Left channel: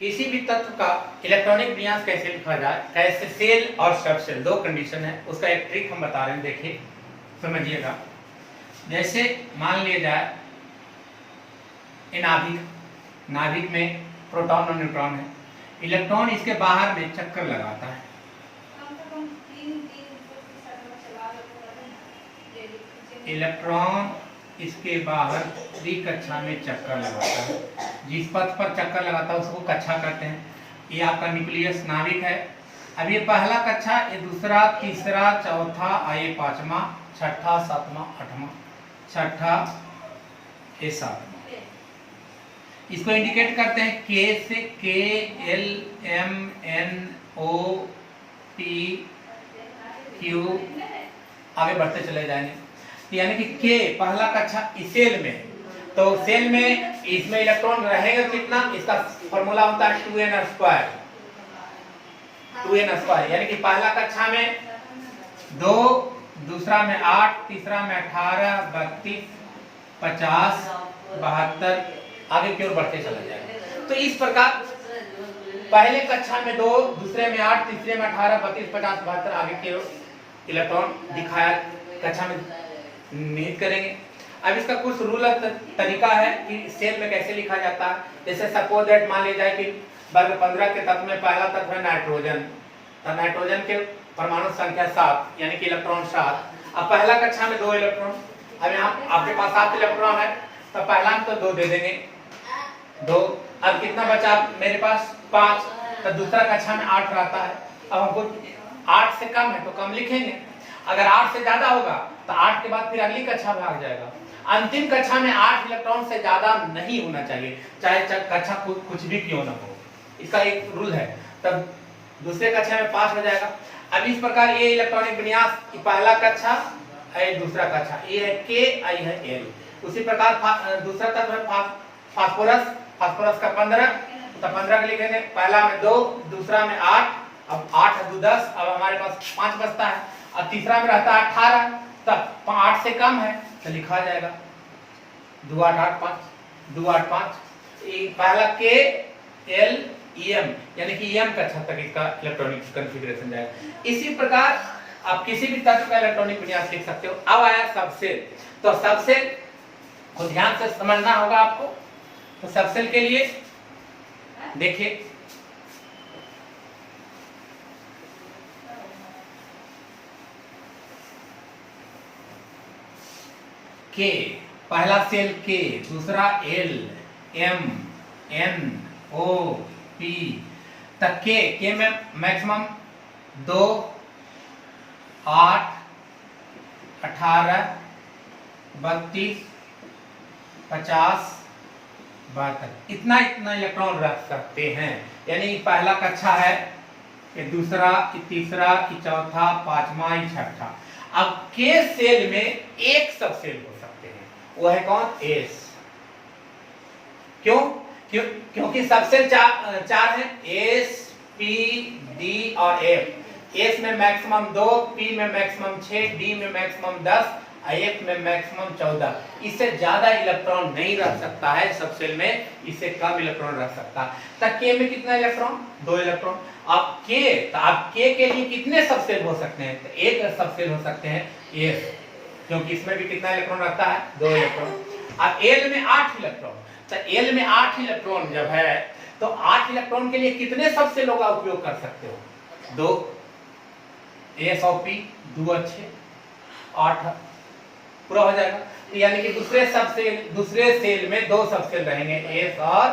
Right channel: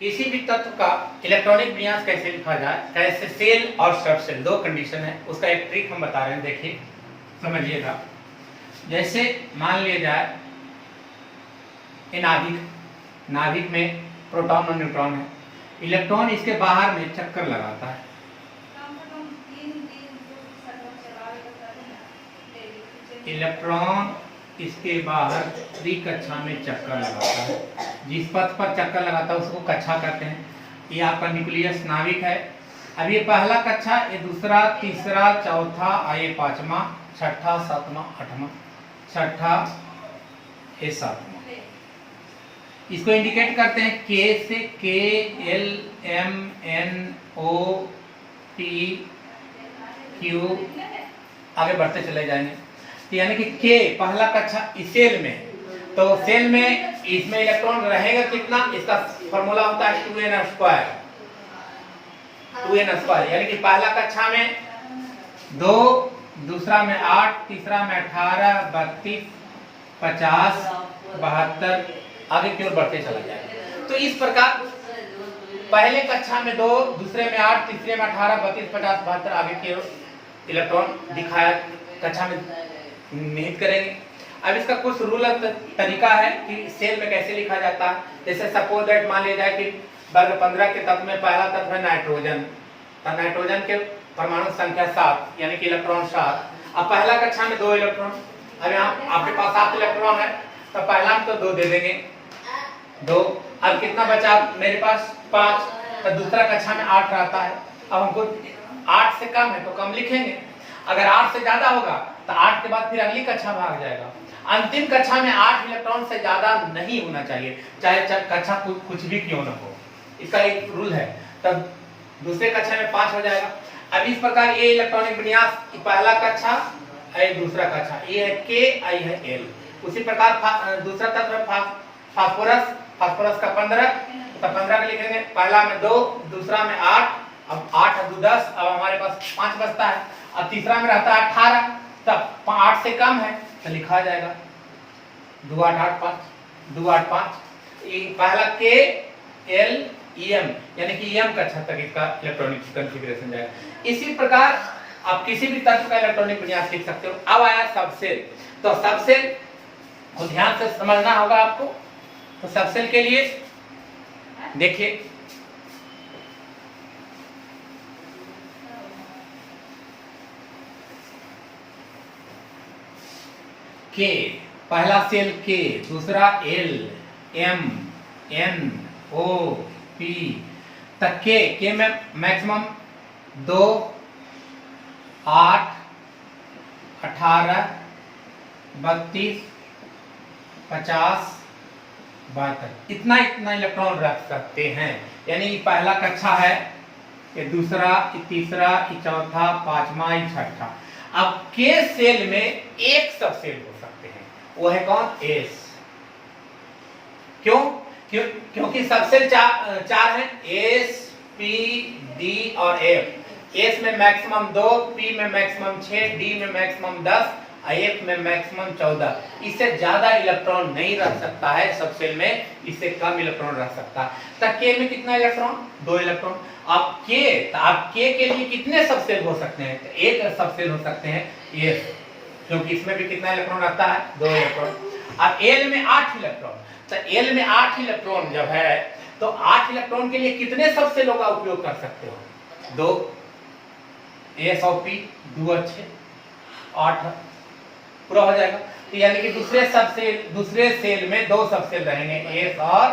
किसी भी तत्व का इलेक्ट्रॉनिक विन्यास कैसे लिखा जाए, कैसे सेल और सब सेल दो कंडीशन है, उसका एक ट्रिक हम बता रहे हैं। देखिए समझिएगा। जैसे मान लिया जाए नाभिक में प्रोटॉन और न्यूट्रॉन है। इलेक्ट्रॉन इसके बाहर में चक्कर लगाता है। इलेक्ट्रॉन इसके बाहर त्रिकक्षा में चक्कर लगाता है। जिस पथ पर चक्कर लगाता है उसको कक्षा कहते हैं। ये आपका न्यूक्लियस नाभिक है। अब ये पहला कक्षा, ये दूसरा, तीसरा, चौथा, ये पांचवा, छठा, सातवां, आठवां, छठा, ये सातवां। इसको इंडिकेट करते हैं के से। के, एल, एम, एन, ओ, पी, क्यू, आगे बढ़ते चले जाएंगे। यानी कि के पहला कक्षा इस सेल में, तो सेल में इसमें इलेक्ट्रॉन रहेगा कितना, इसका फॉर्मूला होता है 2n²। 2n², यानी कि पहला कक्षा में 2, दूसरा में 8, तीसरा में 18, 32, 50, 72, आगे की ओर बढ़ते चला जाएगा। तो इस प्रकार पहले कक्षा में 2, दूसरे में 8, तीसरे में 18, 32, 50, 72, आगे की ओर इलेक्ट्रॉन दिखाया कक्षा में निहित करेंगे। अब इसका कुछ रूल तरीका है कि सेल में कैसे लिखा जाता है। जैसे सपोज दैट मान लिया जाए कि वर्ग 15 के तत्व में पहला तत्व है नाइट्रोजन। तो नाइट्रोजन के परमाणु संख्या 7, यानी कि इलेक्ट्रॉन 7। अब पहला कक्षा में 2 इलेक्ट्रॉन। अब यहाँ आपके पास 7 इलेक्ट्रॉन है, तो पहला में तो 2 दे देंगे, 2। अब कितना बचा मेरे पास, 5। तो दूसरा कक्षा में 8 रहता है। अब हमको 8 से कम है तो कम लिखेंगे। अगर 8 से ज्यादा होगा तो 8 के बाद फिर अगली कक्षा भाग जाएगा। अंतिम कक्षा में 8 इलेक्ट्रॉन से ज्यादा नहीं होना चाहिए, चाहे कक्षा कुछ भी क्यों न हो। इसका एक रूल है। तब दूसरे कक्षा में 5 हो जाएगा। अब इस प्रकार ये इलेक्ट्रॉनिक विन्यास, पहला कक्षा, दूसरा कक्षा, ये है के, आई है एल। उसी प्रकार दूसरा तत्व है फास्फोरस का 15, तो 15 का लिखेंगे। पहला में 2, दूसरा में 8, अब 8 और 2 10, अब हमारे पास 5 बचता है। और तीसरा में रहता है 18, तब 8 से कम है तो लिखा जाएगा 2 8 8 5, 2 8 5। पहला के, एल, एम, यानी कि एम कक्षा तक इसका इलेक्ट्रॉनिक कॉन्फ़िगरेशन जाएगा। इसी प्रकार आप किसी भी तत्व का इलेक्ट्रॉनिक विन्यास लिख सकते हो। अब आया सबसेल। तो सबसेल को ध्यान से समझना होगा आपको। तो सबसेल के लिए देखिए, के पहला सेल के, दूसरा एल, एम, एन, ओ, पी तक के में मैक्सिमम 2, 8, 18, 32, 50, 72, इतना इलेक्ट्रॉन रख सकते हैं। यानी पहला कक्षा है, ये दूसरा, ये तीसरा, ये चौथा, पांचवा, ये छठा। अब के सेल में एक सब सेल हो सकते हैं, वो है कौन, एस। क्योंकि सबसेल 4 है, एस, पी, डी और एफ। एस में मैक्सिमम 2, पी में मैक्सिमम 6, डी में मैक्सिमम 10, एफ में मैक्सिमम 14। इससे ज्यादा इलेक्ट्रॉन नहीं रह सकता है सब सेल में, इससे कम इलेक्ट्रॉन रह सकता है। तब के में कितना इलेक्ट्रॉन, 2 इलेक्ट्रॉन। अब के के लिए कितने सबसेल हो सकते हैं, एक सबसेल हो सकते हैं एस, क्योंकि इसमें भी कितना इलेक्ट्रॉन रहता है, 2 इलेक्ट्रॉन। अब एल में 8 इलेक्ट्रॉन। तो एल में 8 इलेक्ट्रॉन जब है, तो 8 इलेक्ट्रॉन के लिए कितने सबसेलों का उपयोग कर सकते हो, 2। एस और पी 2 अच्छे, 8 पूरा हो जाएगा। तो यानी कि दूसरे सेल में 2 सबसेल रहेंगे, एस और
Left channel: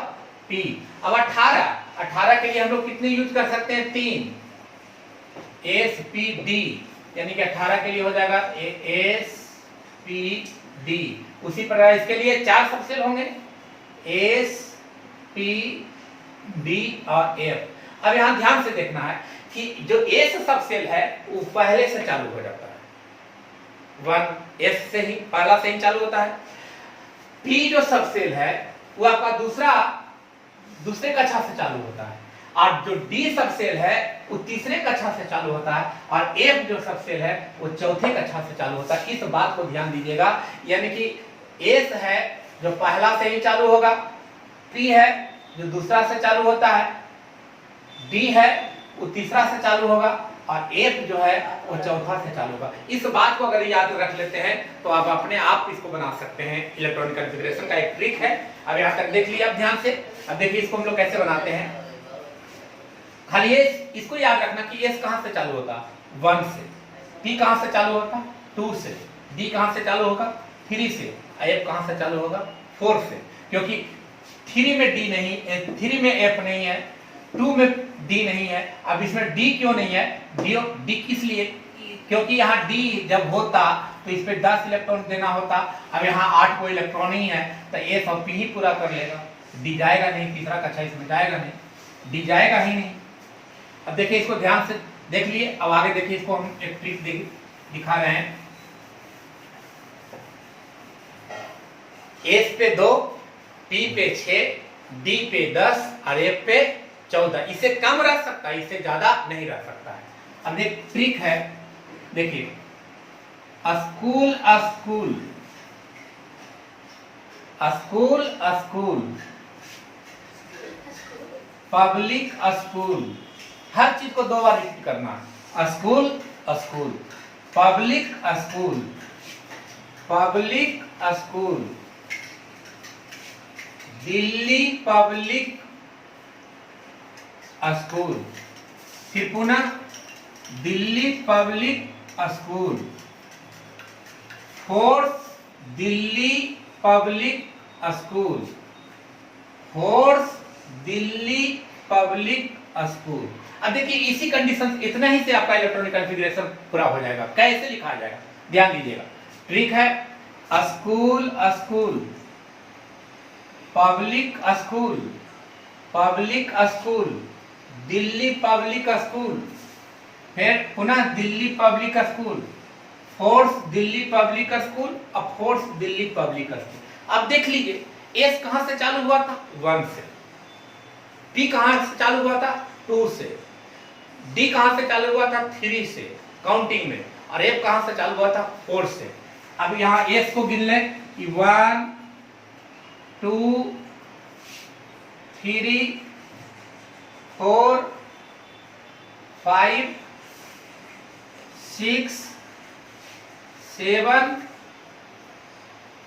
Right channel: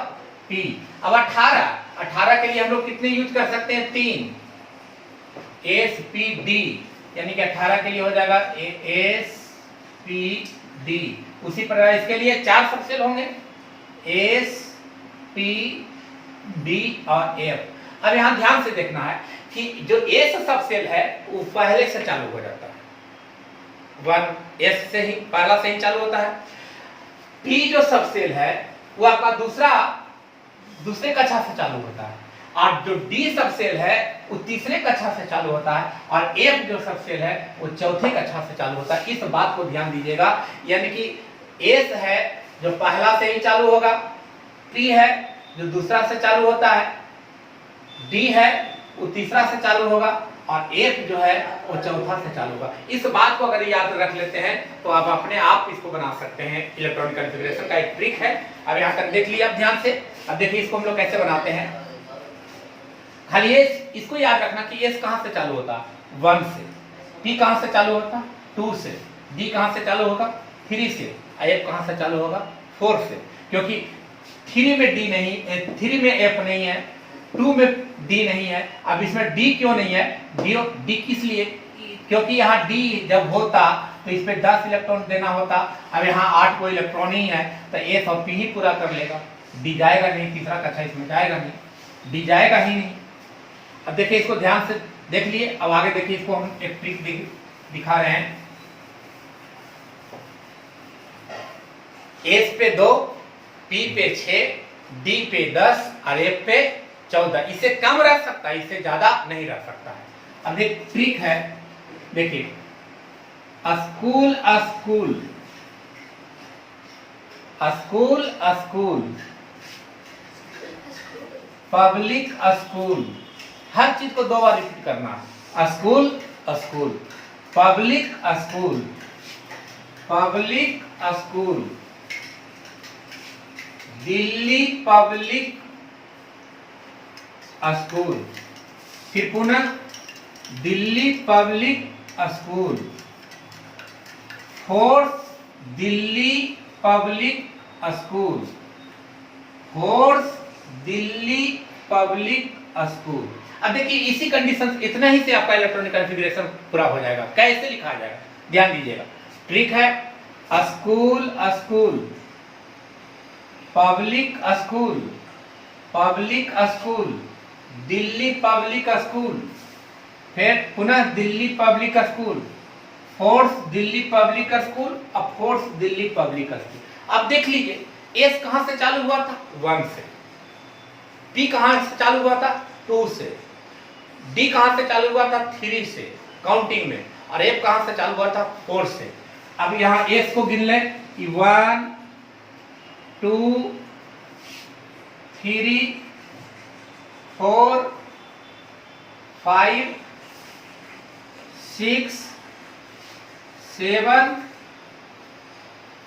पी। अब 18 के लिए हम लोग कितने यूज कर सकते हैं, 3। एस, पी, डी, यानी कि 18 के लिए हो जाएगा एस, पी, डी। उसी प्रकार इसके लिए 4 सबसेल होंगे, एस, पी, डी और एफ। अब यहां ध्यान से देखना है कि जो एस सबसेल है वो पहले से चालू हो जाता है, 1 एस से ही, पहला से ही चालू होता है। पी जो सबसेल है वो आपका दूसरे कक्षा से चालू होता है, और जो डी सबसेल है वो तीसरे कक्षा से चालू होता है, और एफ जो सबसेल है वो चौथे कक्षा से चालू होता है। इस बात को ध्यान दीजिएगा। यानी कि एस है जो पहला से ही चालू होगा, पी है जो दूसरा से चालू होता है, डी है वो तीसरा से चालू होगा, और एफ जो है वो चौथा से चालू होगा। इस बात को अगर याद रख लेते हैं तो आप अपने आप इसको बना सकते हैं। इलेक्ट्रॉनिक कॉन्फ़िगरेशन का एक ट्रिक है। अब यहाँ तक देख लिया आप ध्यान से। अब देखिए इसको हम लोग कैसे बनाते हैं। खाली इसको याद रखना कि एस कहां से चालू होता है, 1 से, पी कहां से चालू होता है, 2 से, डी कहां से चालू होगा, 3 से, एफ कहां से चालू होगा, 4 से। क्योंकि 3 में डी नहीं, 3 में एफ नहीं है, 2 में डी नहीं है। अब इसमें डी क्यों नहीं है, डी किस लिए, क्योंकि यहाँ डी जब होता तो इस पे 10 इलेक्ट्रॉन देना होता। अब यहाँ 8 को इलेक्ट्रॉन ही है तो एस और पी ही पूरा कर लेगा, डी जाएगा नहीं, तीसरा कक्षा इसमें जाएगा नहीं, डी जाएगा ही नहीं। अब देखिए इसको ध्यान से देख लिए। अब आगे देखिए इसको हम एक ट्रिक दिखा रहे हैं। एस पे 2, पी पे 6, डी पे 10 और एफ पे 14। इससे कम रह सकता है, इससे ज्यादा नहीं रह सकता है। अब एक ट्रिक है, देखिए school school school school, public school, हर चीज को 2 बार रिपीट करना। School school, public school, public school, Delhi public school, फिर पुनः Delhi public school, force Delhi public school, force Delhi public school. अब देखिए इसी कंडीशन, इतना ही से आपका इलेक्ट्रॉनिक कॉन्फ़िगरेशन पूरा हो जाएगा। कैसे लिखा जाएगा ध्यान दीजिएगा। ट्रिक है, school school, public school, public school, Delhi public school, फिर पुनः Delhi public school, force Delhi public school, अब फोर्स दिल्ली पब्लिक स्कूल। अब देख लीजिए एस कहां से चालू हुआ था, 1 से, पी कहां से चालू हुआ था, 2 से, डी कहां से चालू हुआ था, 3 से काउंटिंग में, और एफ कहां से चालू हुआ था, 4 से। अब यहां एस को गिन लें कि 1 2 3 4 5 6 7,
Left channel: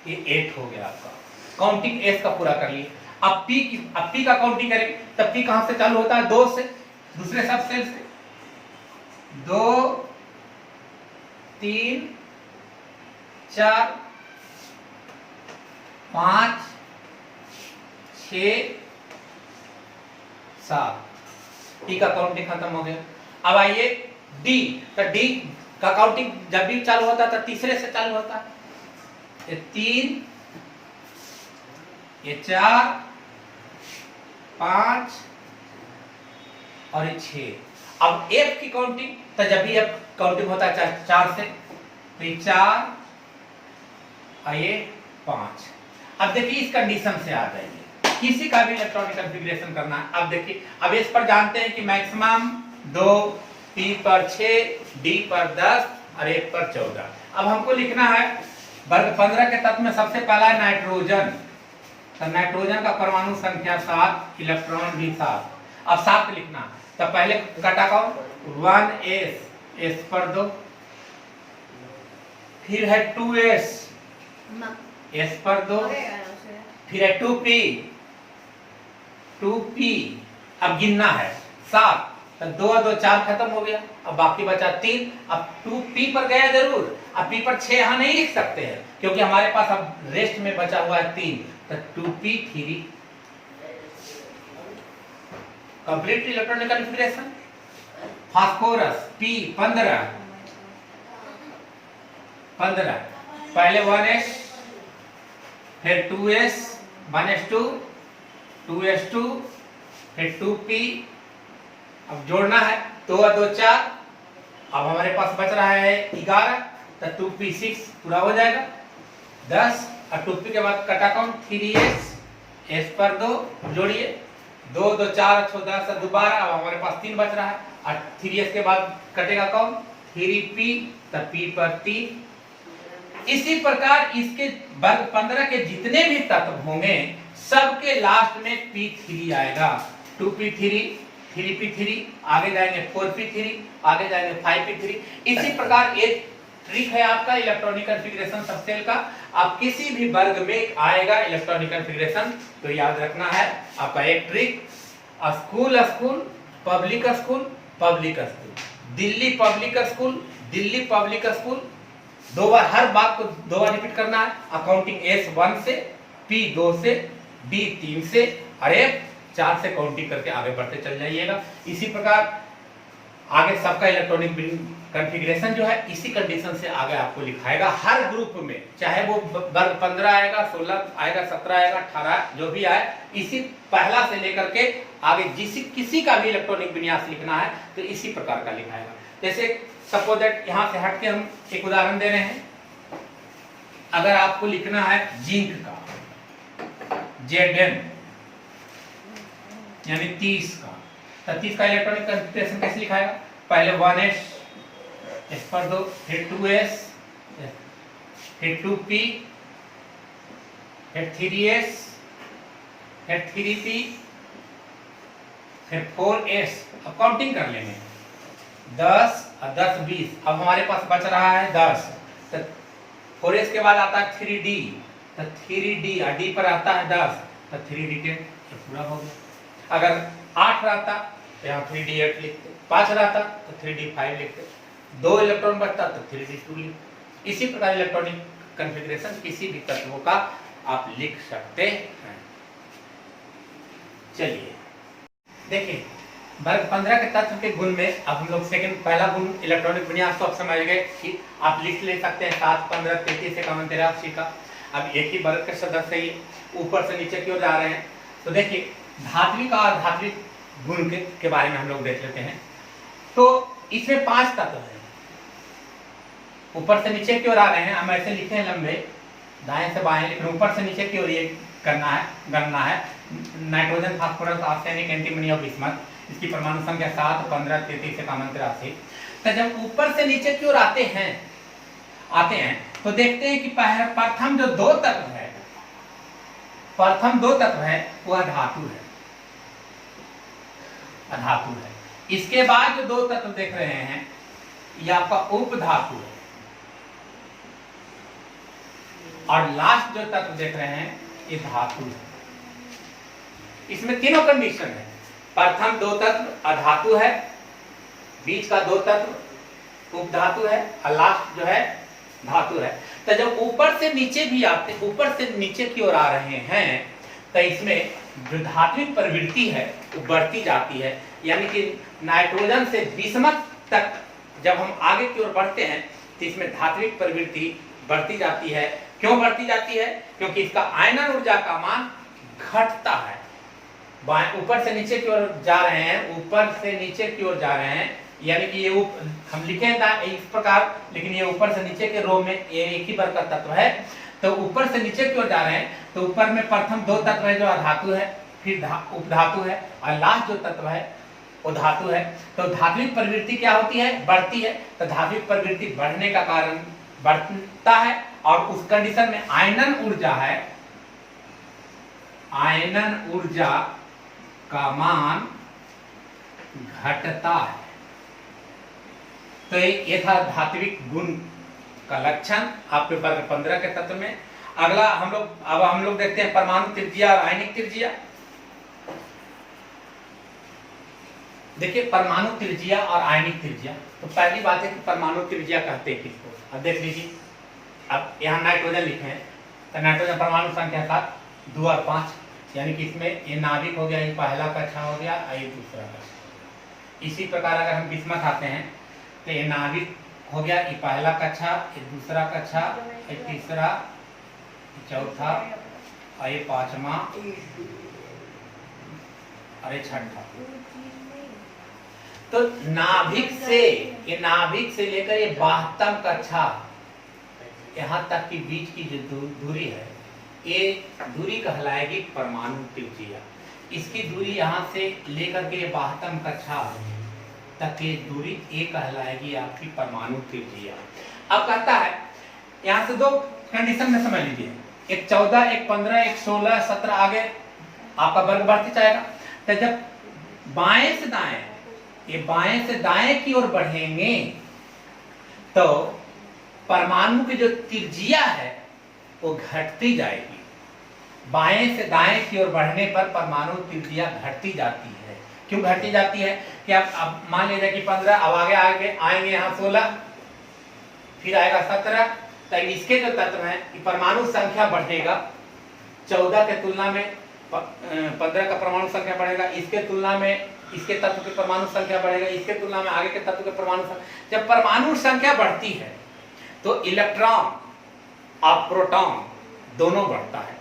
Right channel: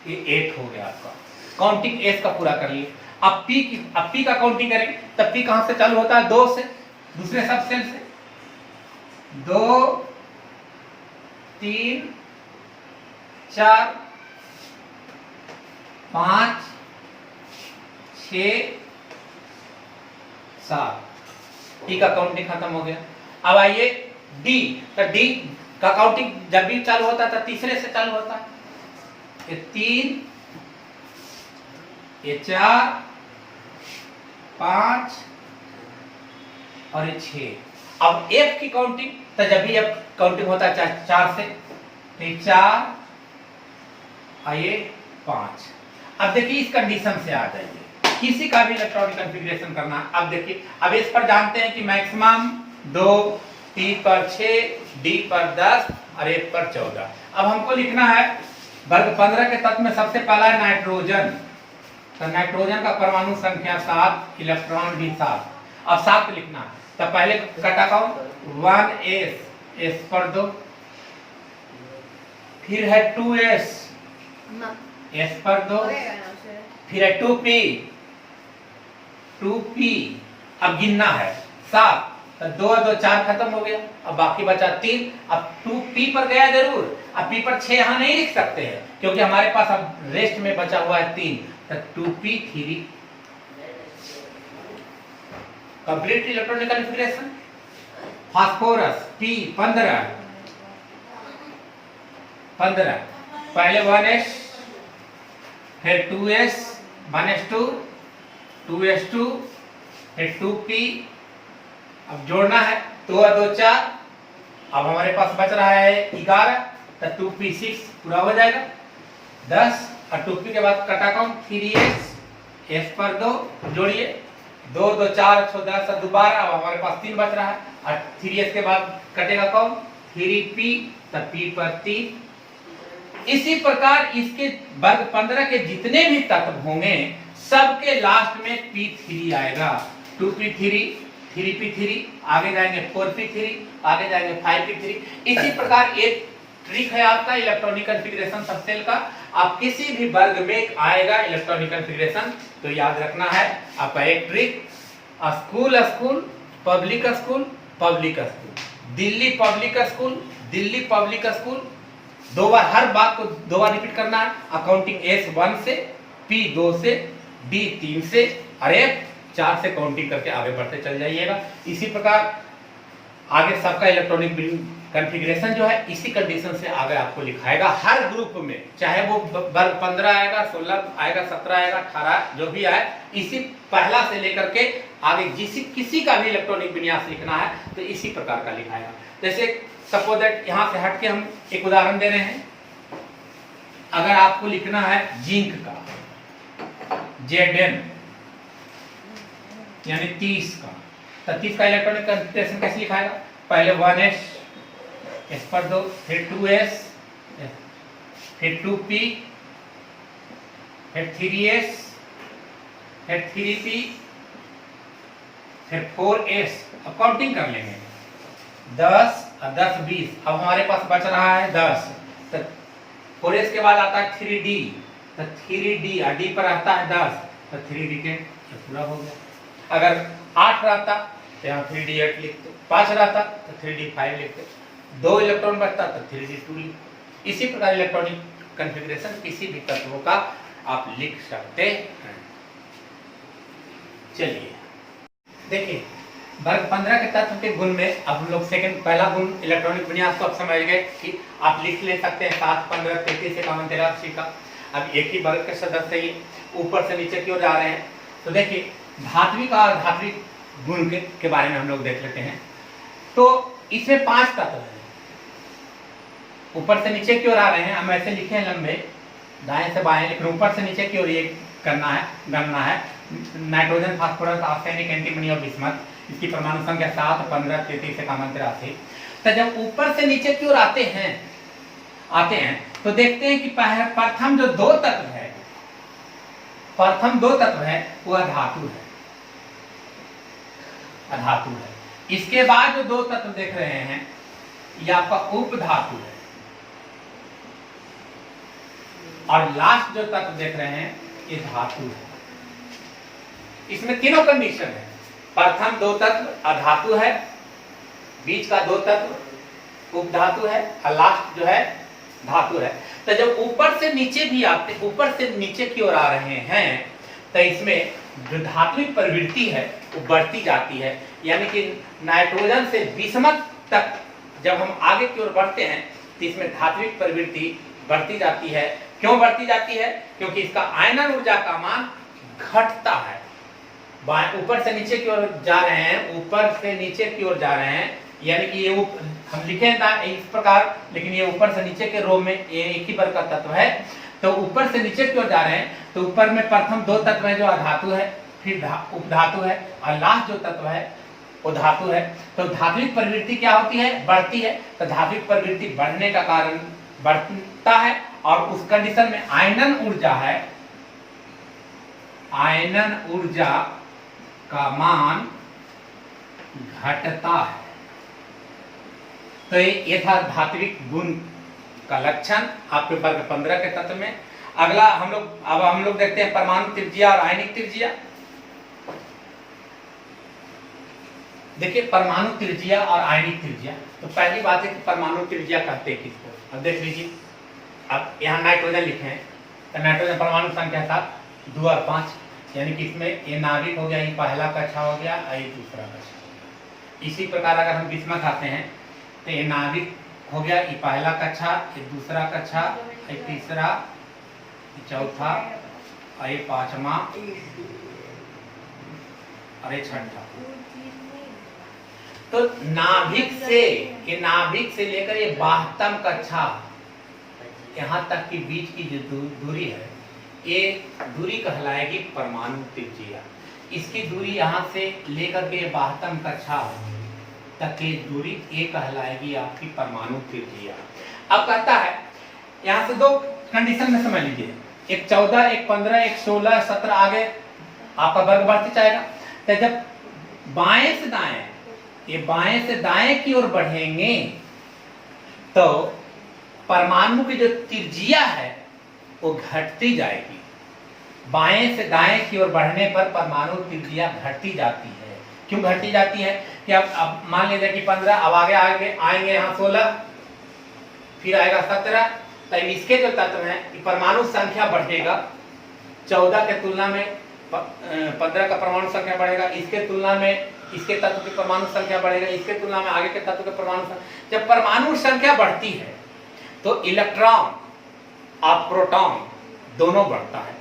ये 8 हो गया आपका। काउंटिंग एस का पूरा कर लिए। अब पी का काउंटिंग करें, तब पी कहां से चालू होता है, 2 से, दूसरे सब सेल से, 2 3 4 5 6 7, डी का काउंटिंग खत्म हो गया। अब आइए डी, तो डी का काउंटिंग जब भी चालू होता था तीसरे से चालू होता है, ये 3, ये 4 5 और ये 6। अब एफ की काउंटिंग, तो जब भी एफ काउंटिंग होता है 4 से, तो 4 और ये 5। अब देखिए इस कंडीशन से आ जाइए, किसी का भी इलेक्ट्रॉनिक कॉन्फ़िगरेशन करना है। अब देखिए, अब इस पर जानते हैं कि मैक्सिमम 2, पी पर 6, डी पर 10 और एफ पर 14। अब हमको लिखना है वर्ग 15 के तत्व में सबसे पहला है नाइट्रोजन। तो नाइट्रोजन का परमाणु संख्या 7, इलेक्ट्रॉन भी 7। अब 7 लिखना है, तो पहले कटा कौन, 1s, s पर 2, फिर है 2s, s पर 2, फिर है 2p, 2p। अब गिनना है 7, तो 2 और 2 4 खत्म हो गया, अब बाकी बचा 3। अब 2p पर गया जरूर, अब p पर 6 यहाँ नहीं लिख सकते हैं क्योंकि हमारे पास अब रेस्ट में बचा हुआ है 3, तो 2p3। Complete electronic configuration. Phosphorus p 15, पहले 1s, फिर 2s, 1s2, 2s2, फिर 2p। अब जोड़ना है, 2 और 2 4, अब हमारे पास बच रहा है 11, तो 2p6 पूरा हो जाएगा। 10 और 2p के बाद कटा कौन, 3s, s पर 2 जोड़िए, 2 2 4 10 और 2 12। अब हमारे पास 3 बच रहा है, और 3s के बाद कटेगा कौन, 3p, तो p पर 3, इसी प्रकार इसके वर्ग 15 के जितने भी तत्व होंगे सबके लास्ट में P3 आएगा। 2p3, 3p3, आगे जाएंगे 4p3, आगे जाएंगे 5p3। इसी प्रकार एक ट्रिक है आपका इलेक्ट्रॉनिक कॉन्फ़िगरेशन सब सेल का। आप किसी भी वर्ग में आएगा इलेक्ट्रॉनिक कॉन्फ़िगरेशन तो याद रखना है आपका एक trick, school school, public school, public school, Delhi public school, Delhi public school. दो बार, हर बात को दो बार रिपीट करना है। अकाउंटिंग S1 से, P2 से, D3 से और F4 से काउंटिंग करके आगे बढ़ते चल जाइएगा। इसी प्रकार आगे सबका इलेक्ट्रॉनिक कॉन्फ़िगरेशन जो है इसी कंडीशन से आगे आपको लिखाएगा हर ग्रुप में, चाहे वो वर्ग 15 आएगा, 16 आएगा, 17 आएगा, 18 जो भी आए, इसी पहला से लेकर के आगे किसी का भी इलेक्ट्रॉनिक विन्यास लिखना है तो इसी प्रकार का लिखाएगा। जैसे सपोज दैट यहाँ से हट के हम एक उदाहरण दे रहे हैं। अगर आपको लिखना है जिंक का Zn यानी 30 का, तो 30 का इलेक्ट्रॉनिक कॉन्फ़िगरेशन कैसे लिखाएगा? पहले 1s, S पर 2, फिर 2s, फिर 2p, फिर 3s, फिर 3p, फिर 4s। अब काउंटिंग कर लेंगे 10 और 10 20। अब हमारे पास बच रहा है 10, तो 4s के बाद आता है 3d, तो 3d और d पर आता है 10, तो 3d के पूरा हो गया। अगर 8 रहता तो यहाँ 3d 8 लिखते, 5 रहता तो 3d 5 लिखते, 2 इलेक्ट्रॉन बचता तो 3d 2 लिखते। इसी प्रकार इलेक्ट्रॉनिक कॉन्फ़िगरेशन किसी भी तत्वों का आप लिख सकते हैं। चलिए देखिए, वर्ग 15 के तत्व के गुण में अब हम लोग पहला गुण इलेक्ट्रॉनिक विन्यास को आप समझ गए कि आप लिख ले सकते हैं 7, 15, 33, 51, 83 का। अब एक ही वर्ग के सदस्य ही ऊपर से नीचे की ओर जा रहे हैं, तो देखिए धात्विक और धात्विक गुण के बारे में हम लोग देख लेते हैं। तो इसमें 5 तत्व हैं, ऊपर से नीचे की ओर आ रहे हैं। हम ऐसे लिखे हैं लंबे, दाएं से बाएं, लेकिन ऊपर से नीचे की ओर ये गणना है। नाइट्रोजन, फास्फोरस, आर्सेनिक, एंटीमनी और बिस्मथ, इसकी परमाणु संख्या 7, 15, 33, 51, 83। तो जब ऊपर से नीचे की ओर आते हैं तो देखते हैं कि प्रथम जो 2 तत्व है, प्रथम 2 तत्व है वह धातु है, अधातु है। इसके बाद जो 2 तत्व देख रहे हैं ये आपका उप धातु है, और लास्ट जो तत्व देख रहे हैं ये धातु है। इसमें तीनों कंडीशन है। प्रथम 2 तत्व अधातु है, बीच का 2 तत्व उप धातु है और लास्ट जो है धातु है। तो जब ऊपर से नीचे भी आते, ऊपर से नीचे की ओर आ रहे हैं तो इसमें जो धात्विक प्रवृत्ति है वो बढ़ती जाती है। यानी कि नाइट्रोजन से बिस्मथ तक जब हम आगे की ओर बढ़ते हैं तो इसमें धात्विक प्रवृत्ति बढ़ती जाती है। क्यों बढ़ती जाती है? क्योंकि इसका आयनन ऊर्जा का मान घटता है। ऊपर से नीचे की ओर जा रहे हैं, ऊपर से नीचे की ओर जा रहे हैं, यानी कि ये हम लिखे इस प्रकार, लेकिन ये ऊपर से नीचे के रो में ये एक ही वर्ग का तत्व है। तो ऊपर से नीचे की ओर जा रहे हैं तो ऊपर में प्रथम 2 तत्व है जो अधातु है, फिर उपधातु है, और लास्ट जो तत्व है वो धातु है। तो धात्विक प्रवृत्ति क्या होती है? बढ़ती है। तो धात्विक प्रवृत्ति बढ़ने का कारण बढ़ता है, और उस कंडीशन में आयनन ऊर्जा है, आयनन ऊर्जा का मान घटता है। तो ये था धात्विक गुण का लक्षण आपके वर्ग 15 के तत्व में। अगला हम लोग देखते हैं परमाणु त्रिज्या और आयनिक त्रिज्या। देखिए परमाणु त्रिज्या और आयनिक त्रिज्या, तो पहली बात है कि परमाणु त्रिज्या कहते हैं किसको। अब देख लीजिए, अब यहाँ नाइट्रोजन लिखे हैं तो नाइट्रोजन परमाणु संख्या 7, 2 और 5, यानी कि इसमें ये नाभिक हो गया, ये पहला कक्षा हो गया और ये दूसरा कक्षा हो गया। इसी प्रकार अगर हम बिस्मथ आते हैं तो ये नाभिक हो गया, ये पहला कक्षा, ये दूसरा कक्षा, ये तीसरा, चौथा और ये 5वां और ये 6ठा। तो नाभिक से लेकर ये 72 कक्षा यहाँ तक की बीच की जो दूरी है, ये दूरी कहलाएगी परमाणु त्रिज्या। इसकी दूरी यहाँ से लेकर के 72 कक्षा तक की दूरी ये कहलाएगी आपकी परमाणु त्रिज्या। अब कहता है यहां से दो कंडीशन में समझ लीजिए, एक 14, एक 15, एक 16, 17 आगे आपका वर्ग बढ़ते जाएगा। तो जब बाएं से दाएं, ये बाएं से दाएं की ओर बढ़ेंगे तो परमाणु की जो त्रिज्या है वो घटती जाएगी। बाएं से दाएं की ओर बढ़ने पर परमाणु त्रिज्या घटती जाती है। क्यों घटती जाती है कि अब मान लीजिए कि 15, अब आगे आगे आएंगे यहाँ 16, फिर आएगा 17, तो इसके जो तत्व हैं कि परमाणु संख्या बढ़ेगा, 14 के तुलना में 15 का परमाणु संख्या बढ़ेगा, इसके तुलना में इसके तत्व की परमाणु संख्या बढ़ेगा, इसके तुलना में आगे के तत्व के परमाणु संख्या। जब परमाणु संख्या बढ़ती है तो इलेक्ट्रॉन और प्रोटॉन दोनों बढ़ता है,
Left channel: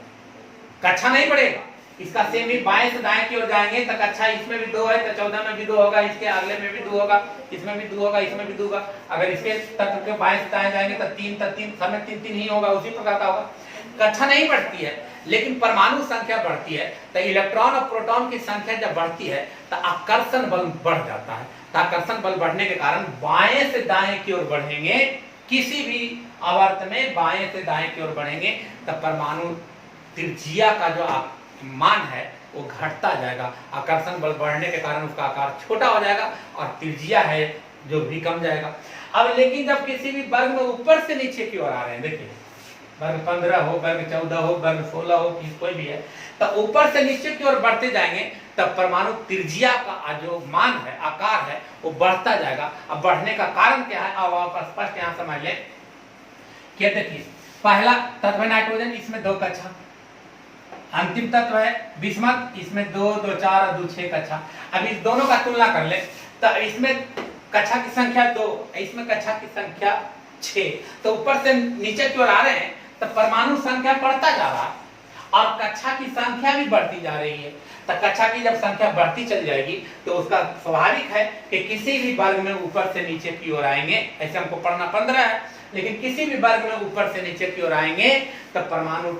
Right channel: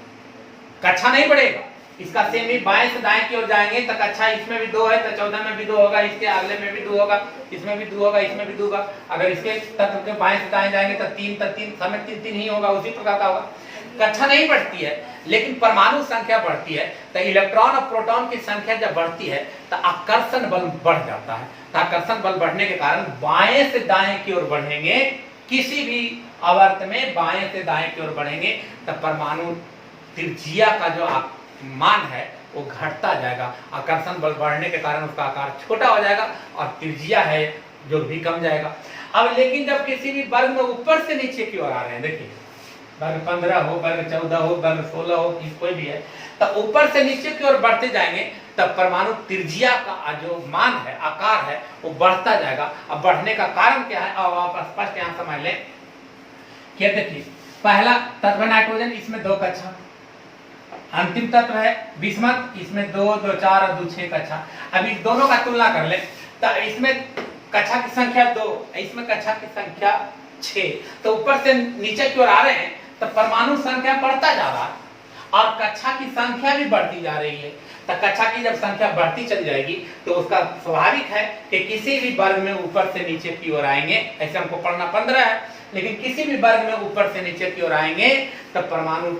कक्षा नहीं बढ़ेगा। इसका सेम ही बाएं से दाएं की ओर जाएंगे तो कक्षा इसमें भी 2 है तो 14 में भी 2 होगा, इसके अगले में भी 2 होगा, इसमें भी 2 होगा, इसमें भी 2 होगा। अगर इसके तत्व के बाएं से दाएं जाएंगे तो 3 समय 3 ही होगा, उसी प्रकार का होगा। कक्षा नहीं बढ़ती है लेकिन परमाणु संख्या बढ़ती है। तो इलेक्ट्रॉन और प्रोटॉन की संख्या जब बढ़ती है तो आकर्षण बल बढ़ जाता है। तो आकर्षण बल बढ़ने के कारण बाएं से दाएं की ओर बढ़ेंगे, किसी भी आवर्त में बाएं से दाएं की ओर बढ़ेंगे तो परमाणु त्रिज्या का जो मान है वो घटता जाएगा। आकर्षण बल बढ़ने के कारण उसका आकार छोटा हो जाएगा और त्रिज्या है जो भी कम जाएगा। अब लेकिन जब किसी भी वर्ग में ऊपर से नीचे की ओर आ रहे हैं, देखिए वर्ग 15 हो, वर्ग 14 हो, वर्ग 16 हो, कोई भी है, तो ऊपर से नीचे की ओर बढ़ते जाएंगे तब परमाणु त्रिज्या का जो मान है, आकार है, वो बढ़ता जाएगा। अब बढ़ने का कारण क्या है, अब आप स्पष्ट यहां समझ लें। क्या देखिए, पहला तत्व नाइट्रोजन, इसमें 2 कक्षा, अंतिम तत्व है बिस्मथ, इसमें 2, 2, 4 और 2, 6 कक्षा। अब इस दोनों का तुलना कर ले तो इसमें कक्षा की संख्या 2, इसमें कक्षा की संख्या 6, तो ऊपर से नीचे की ओर आ रहे हैं तो परमाणु संख्या बढ़ता जा रहा है और कक्षा की संख्या भी बढ़ती जा रही है। तो कक्षा की जब संख्या बढ़ती चली जाएगी तो उसका स्वाभाविक है कि किसी भी वर्ग में ऊपर से नीचे की ओर आएंगे, ऐसे हमको पढ़ना 15 है, लेकिन किसी भी वर्ग में ऊपर से नीचे की ओर आएंगे तो परमाणु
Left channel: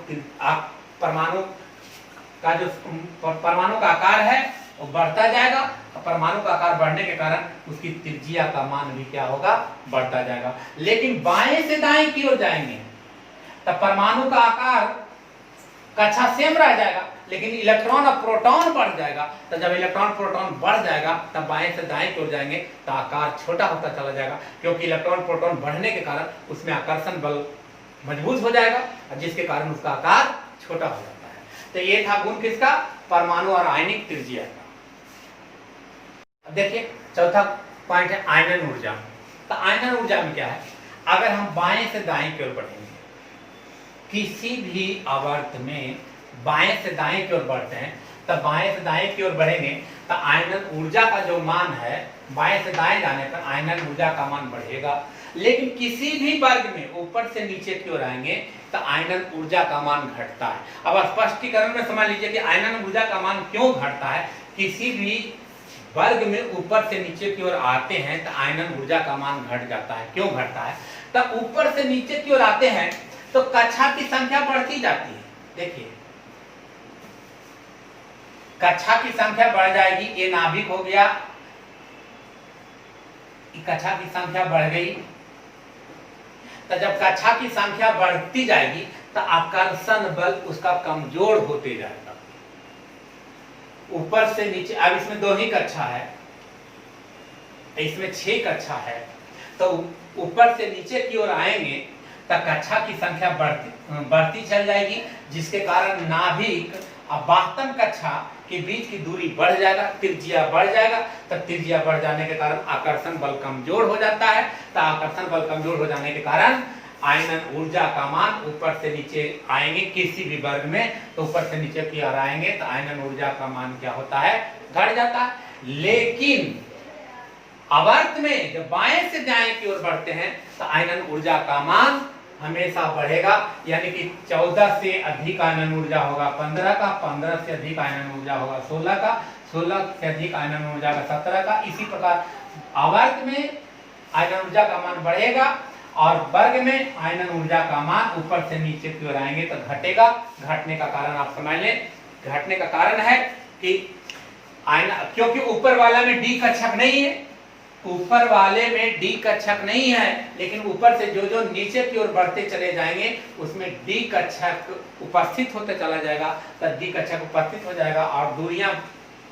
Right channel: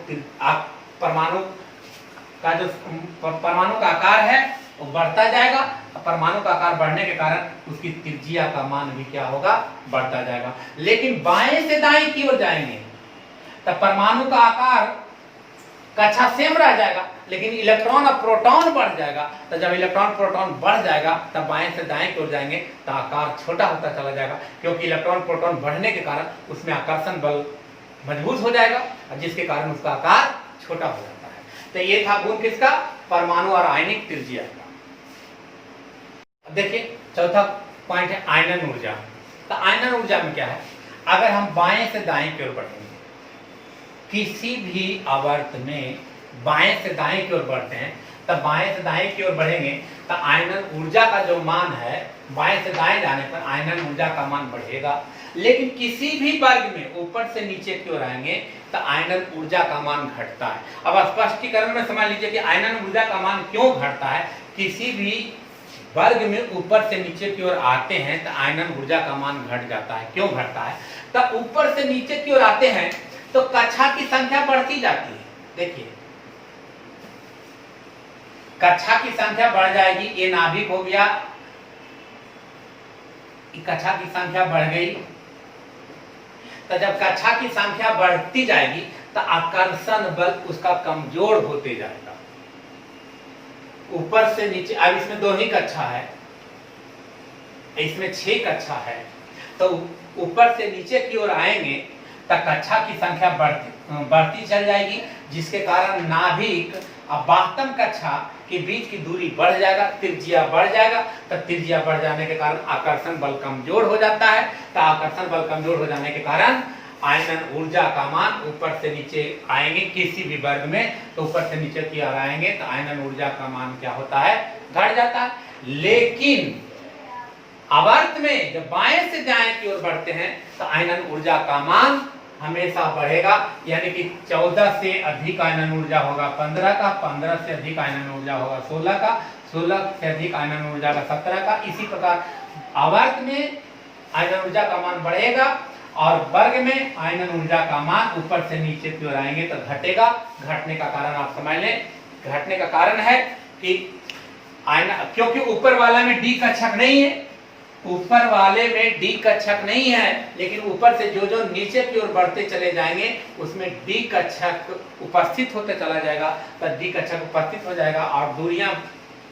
का आकार है वो बढ़ता जाएगा। परमाणु का आकार बढ़ने के कारण उसकी त्रिज्या का मान भी क्या होगा, बढ़ता जाएगा। लेकिन बाएं से दाएं की ओर जाएंगे तो परमाणु का आकार कक्षा सेम रह जाएगा लेकिन इलेक्ट्रॉन और प्रोटॉन बढ़ जाएगा। तो जब इलेक्ट्रॉन प्रोटॉन बढ़ जाएगा तब बाएं से दाएं की ओर जाएंगे तो आकार छोटा होता चला जाएगा, क्योंकि इलेक्ट्रॉन प्रोटॉन बढ़ने के कारण उसमें आकर्षण बल मजबूत हो जाएगा जिसके कारण उसका आकार छोटा हो जाता है। तो ये था गुण किसका, परमाणु और आयनिक त्रिज्या का। देखिए चौथा पॉइंट है आयनन ऊर्जा। तो आयनन ऊर्जा में क्या है, अगर हम बाएं से दाएं की ओर बढ़ेंगे, किसी भी आवर्त में बाएं से दाएं की ओर बढ़ते हैं तब बाएं से दाएं की ओर बढ़ेंगे तो आयनन ऊर्जा का जो मान है, बाएं से दाएं जाने पर आयनन ऊर्जा का मान बढ़ेगा। लेकिन किसी भी वर्ग में ऊपर से नीचे की ओर आएंगे तो आयनन ऊर्जा का मान घटता है। अब स्पष्टीकरण में समझ लीजिए कि आयनन ऊर्जा का मान क्यों घटता है। किसी भी वर्ग में ऊपर से नीचे की ओर आते हैं तो आयनन ऊर्जा का मान घट जाता है। क्यों घटता है, तो ऊपर से नीचे की ओर आते हैं तो कक्षा की संख्या बढ़ती जाती है। देखिए कक्षा की संख्या बढ़ जाएगी, ये नाभिक हो गया, कक्षा की संख्या बढ़ गई। तो जब कक्षा की संख्या बढ़ती जाएगी तो आकर्षण बल उसका कमजोर होते जाएगा। ऊपर से नीचे, अब इसमें 2 ही कक्षा है, इसमें 6 कक्षा है, तो ऊपर से नीचे की ओर आएंगे तो कक्षा की संख्या बढ़ती चल जाएगी, जिसके कारण नाभिक और बाह्यतम कक्षा के बीच की दूरी बढ़ जाएगा, त्रिज्या बढ़ जाएगा। तो त्रिज्या बढ़ जाने के कारण आकर्षण बल कमजोर हो जाता है। तो आकर्षण बल कमजोर हो जाने के कारण आयनन ऊर्जा का मान ऊपर से नीचे आएंगे किसी भी वर्ग में, तो ऊपर से नीचे की ओर आएंगे तो आयनन ऊर्जा का मान क्या होता है, घट जाता है। लेकिन आवर्त में जब बाएं से दाएं की ओर बढ़ते हैं तो आयनन ऊर्जा का मान हमेशा बढ़ेगा, यानी कि 14 से अधिक आयनन ऊर्जा होगा 15 का, 15 से अधिक आयनन ऊर्जा होगा 16 का, 16 से अधिक आयनन ऊर्जा का 17 का। इसी प्रकार आवर्त में आयनन ऊर्जा का मान बढ़ेगा और वर्ग में आयनन ऊर्जा का मान ऊपर से नीचे की ओर आएंगे तो घटेगा। घटने का कारण आप समझ लें, घटने का कारण है कि क्योंकि ऊपर वाला में डी कक्षक नहीं है ऊपर वाले में डी कक्षक नहीं है, लेकिन ऊपर से जो जो नीचे की ओर बढ़ते चले जाएंगे उसमें डी कक्षक उपस्थित होते चला जाएगा, तो डी कक्षक उपस्थित हो जाएगा और दूरियां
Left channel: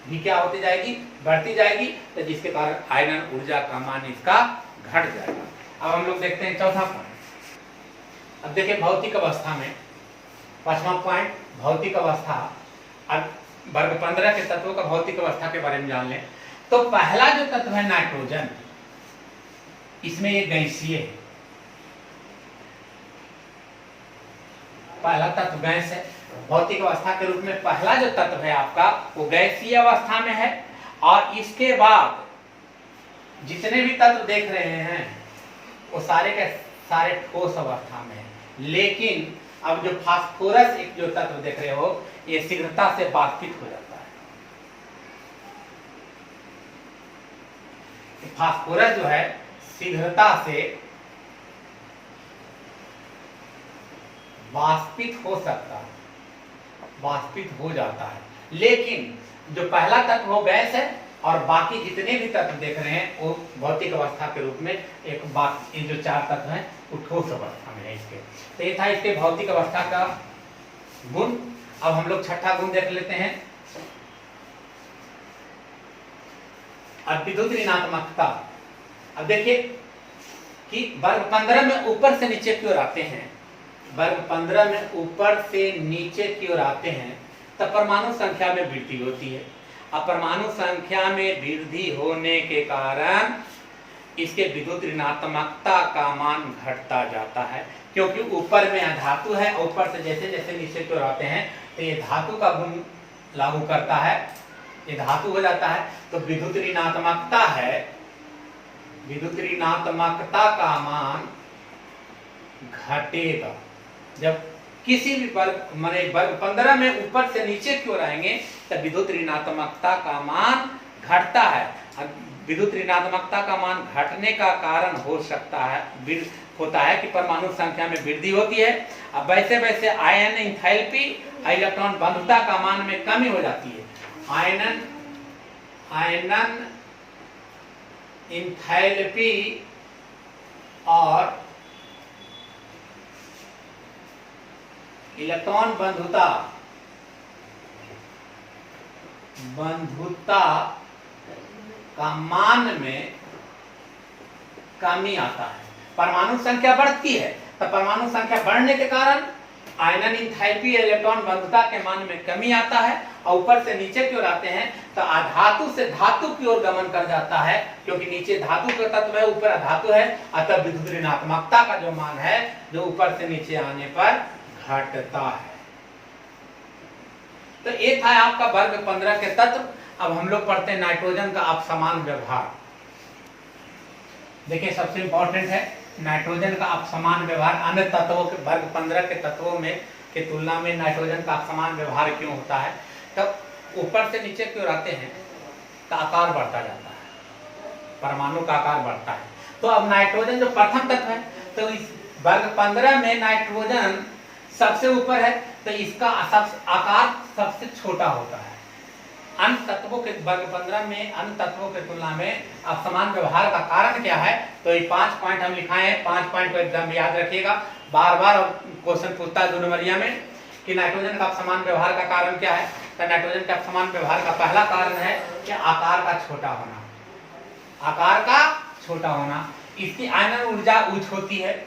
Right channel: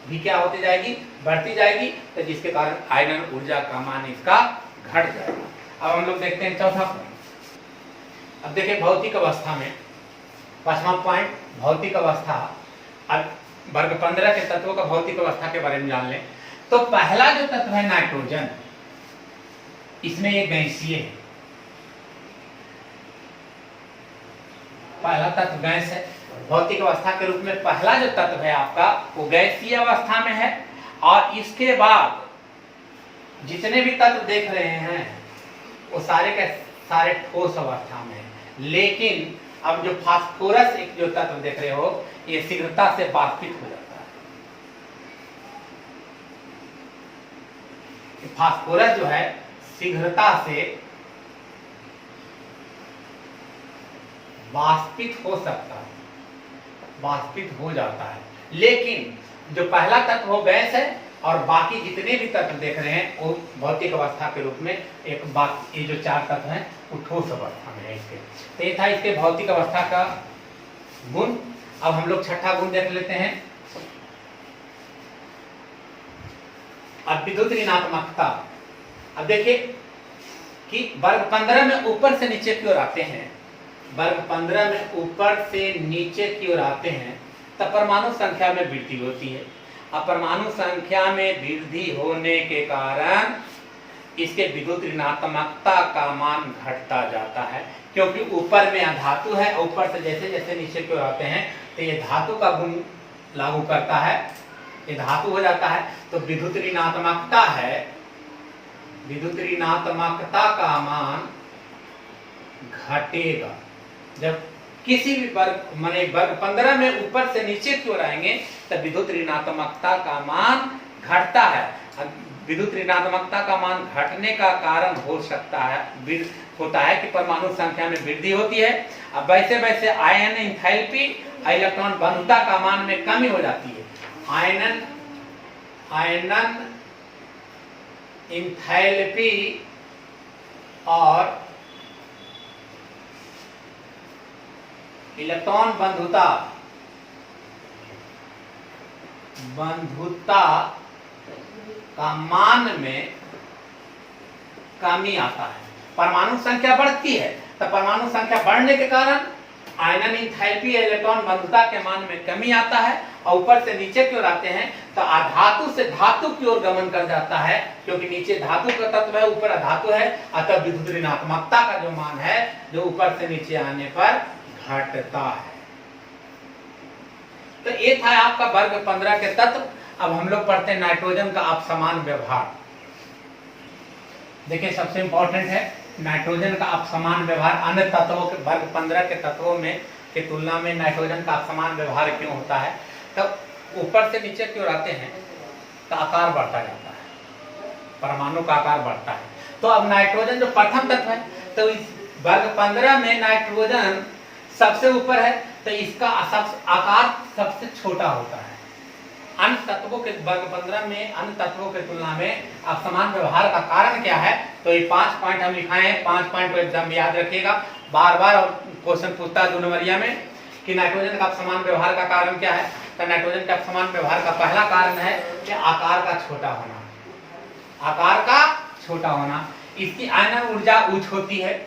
भी क्या होती जाएगी, बढ़ती जाएगी, तो जिसके कारण आयनन ऊर्जा का मान इसका घट जाएगा। अब हम लोग देखते हैं चौथा पॉइंट। अब देखिए भौतिक अवस्था में 5वां पॉइंट भौतिक अवस्था। अब वर्ग 15 के तत्वों का भौतिक अवस्था के बारे में जान लें। तो पहला जो तत्व है नाइट्रोजन, इसमें ये गैसीय है, पहला तत्व गैस है। भौतिक अवस्था के रूप में पहला जो तत्व है आपका वो गैसीय अवस्था में है, और इसके बाद जितने भी तत्व देख रहे हैं वो सारे के सारे ठोस अवस्था में है। लेकिन अब जो फास्फोरस एक जो तत्व देख रहे हो ये शीघ्रता से वाष्पित हो जाता है। फास्फोरस जो है शीघ्रता से वाष्पित हो सकता है, वाष्पित हो जाता है। लेकिन जो पहला तत्व वो गैस है और बाकी जितने भी तत्व देख रहे हैं वो भौतिक अवस्था के रूप में एक बाकी जो 4 तत्व हैं वो ठोस अवस्था में है इसके। तो ये था इसके भौतिक अवस्था का गुण। अब हम लोग छठा गुण देख लेते हैं। अब विद्युत ऋणात्मकता। अब देखिए कि वर्ग 15 में ऊपर से नीचे की ओर आते हैं, वर्ग 15 में ऊपर से नीचे की ओर आते हैं तब परमाणु संख्या में वृद्धि होती है। अब परमाणु संख्या में वृद्धि होने के कारण इसके विद्युत ऋणात्मकता का मान घटता जाता है, क्योंकि ऊपर में धातु है, ऊपर से जैसे जैसे नीचे की ओर आते हैं तो ये धातु का गुण लागू करता है, ये धातु हो जाता है। तो विद्युत ऋणात्मकता है, विद्युत ऋणात्मकता का मान घटेगा जब किसी भी वर्ग माने वर्ग 15 में ऊपर से नीचे की ओर आएंगे तब विद्युत ऋणात्मकता का मान घटता है। विद्युत ऋणात्मकता का मान घटने का कारण हो सकता है होता है कि परमाणु संख्या में वृद्धि होती है। अब वैसे वैसे आयन एंथैल्पी इलेक्ट्रॉन बंधुता का मान में कमी हो जाती है। आयनन एंथैल्पी और इलेक्ट्रॉन बंधुता का मान में कमी आता है। परमाणु संख्या बढ़ती है तो परमाणु संख्या बढ़ने के कारण आयनन एंथैल्पी इलेक्ट्रॉन बंधुता के मान में कमी आता है, और ऊपर से नीचे की ओर आते हैं तो अधातु से धातु की ओर गमन कर जाता है, क्योंकि नीचे धातु का तत्व है, ऊपर अधातु है। अतः विद्युत ऋणात्मकता का जो मान है जो ऊपर से नीचे आने पर घटता है। तो ये था आपका वर्ग 15 के तत्व। अब हम लोग पढ़ते हैं नाइट्रोजन का अपसमान व्यवहार। देखिए सबसे इंपॉर्टेंट है नाइट्रोजन का अपसमान व्यवहार। अन्य तत्वों के वर्ग 15 के तत्वों में की तुलना में नाइट्रोजन का अपसमान व्यवहार क्यों होता है? तब ऊपर से नीचे की ओर आते हैं तो आकार बढ़ता जाता है, परमाणु का आकार बढ़ता है। तो अब नाइट्रोजन जो प्रथम तत्व है तो इस वर्ग 15 में नाइट्रोजन सबसे ऊपर है तो इसका आकार सबसे छोटा होता है। अन्य तत्वों के वर्ग 15 में अन्य तत्वों के तुलना में अपसमान व्यवहार का कारण क्या है? तो ये 5 पॉइंट हम लिखाए हैं, 5 पॉइंट को एकदम याद रखिएगा। बार बार क्वेश्चन पूछता है 2 नंबरिया में कि नाइट्रोजन का अपसमान व्यवहार का कारण क्या है। तो नाइट्रोजन के अपसमान व्यवहार का पहला कारण है कि आकार का छोटा होना, आकार का छोटा होना। इसकी आयनन ऊर्जा उच्च होती है।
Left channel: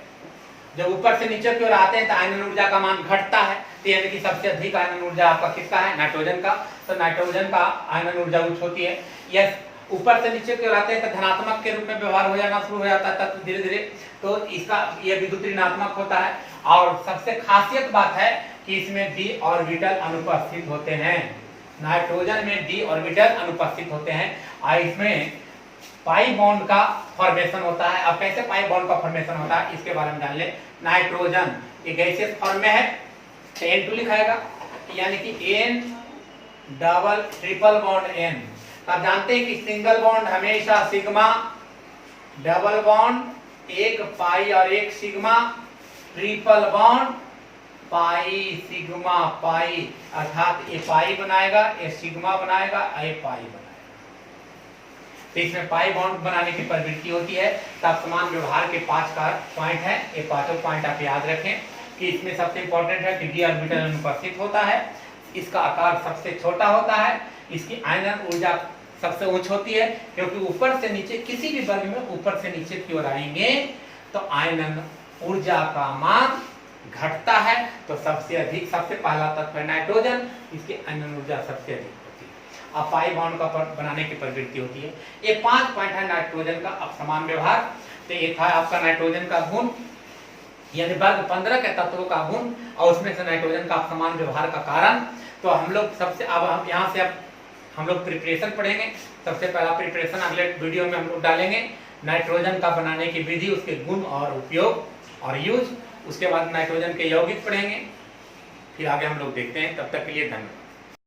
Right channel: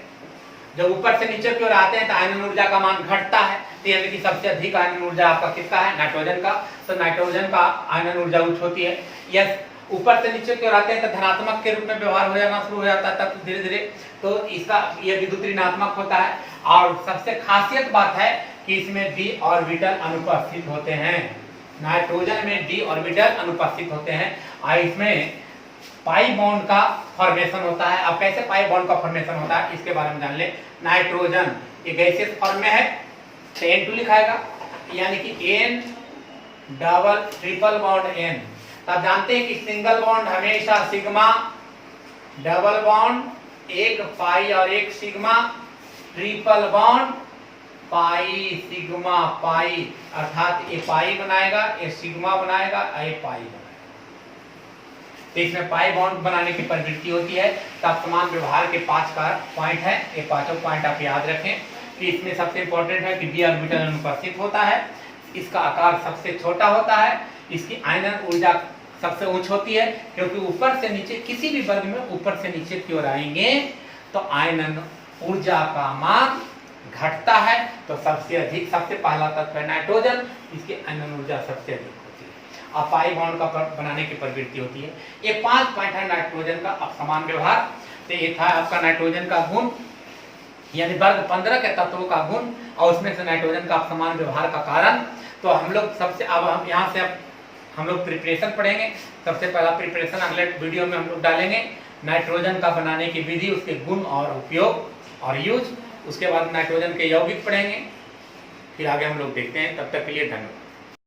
जब ऊपर से नीचे की ओर आते हैं तो आयनन ऊर्जा का मान घटता है। तो यानी कि सबसे अधिक आयनन ऊर्जा आपका किसका है? नाइट्रोजन का। तो नाइट्रोजन का आयनन ऊर्जा उच्च होती है। यस, ऊपर से नीचे की ओर आते हैं तो धनात्मक के रूप में व्यवहार हो जाना शुरू हो जाता है तब धीरे धीरे। तो इसका ये विद्युत ऋणात्मक होता है। और सबसे खासियत बात है कि इसमें डी ऑर्बिटल अनुपस्थित होते हैं। नाइट्रोजन में डी ऑर्बिटल अनुपस्थित होते हैं और इसमें पाई बॉन्ड का फॉर्मेशन होता है। अब कैसे पाई बॉन्ड का फॉर्मेशन होता है इसके बारे में जान ले। नाइट्रोजन ये गैसियस फॉर्म में है तो N2 लिखाएगा, यानी कि N double triple bond N। आप जानते हैं कि सिंगल बॉन्ड हमेशा सिग्मा, डबल बॉन्ड एक पाई और एक sigma, triple bond pi sigma pi, अर्थात ये पाई बनाएगा, ये सिग्मा बनाएगा, ये पाई बनाएगा। तो इसमें पाई बॉन्ड बनाने की प्रवृत्ति होती है। तो अपसमान व्यवहार के 5 का पॉइंट है, ये पांचों पॉइंट आप याद रखें कि इसमें सबसे इंपॉर्टेंट है कि d ऑर्बिटल अनुपस्थित होता है, इसका आकार सबसे छोटा होता है, इसकी आयनन ऊर्जा सबसे उच्च होती है, क्योंकि ऊपर से नीचे किसी भी वर्ग में ऊपर से नीचे की ओर आएंगे तो आयनन ऊर्जा का मान घटता है। तो सबसे पहला तत्व है नाइट्रोजन, इसकी आयनन ऊर्जा सबसे अधिक होती है। अब पाई बॉन्ड का बनाने की प्रवृत्ति होती है। ये 5 पॉइंट है नाइट्रोजन का अपसमान व्यवहार। तो ये था आपका नाइट्रोजन का गुण, यानी वर्ग 15 के तत्वों का गुण और उसमें से नाइट्रोजन का अपसमान व्यवहार का कारण। तो हम लोग सबसे अब हम यहाँ से अब हम लोग प्रिपरेशन पढ़ेंगे। सबसे पहला प्रिपरेशन अगले वीडियो में हम लोग डालेंगे, नाइट्रोजन का बनाने की विधि, उसके गुण और उपयोग और यूज। उसके बाद नाइट्रोजन के यौगिक पढ़ेंगे, फिर आगे हम लोग देखते हैं। तब तक के लिए धन्यवाद।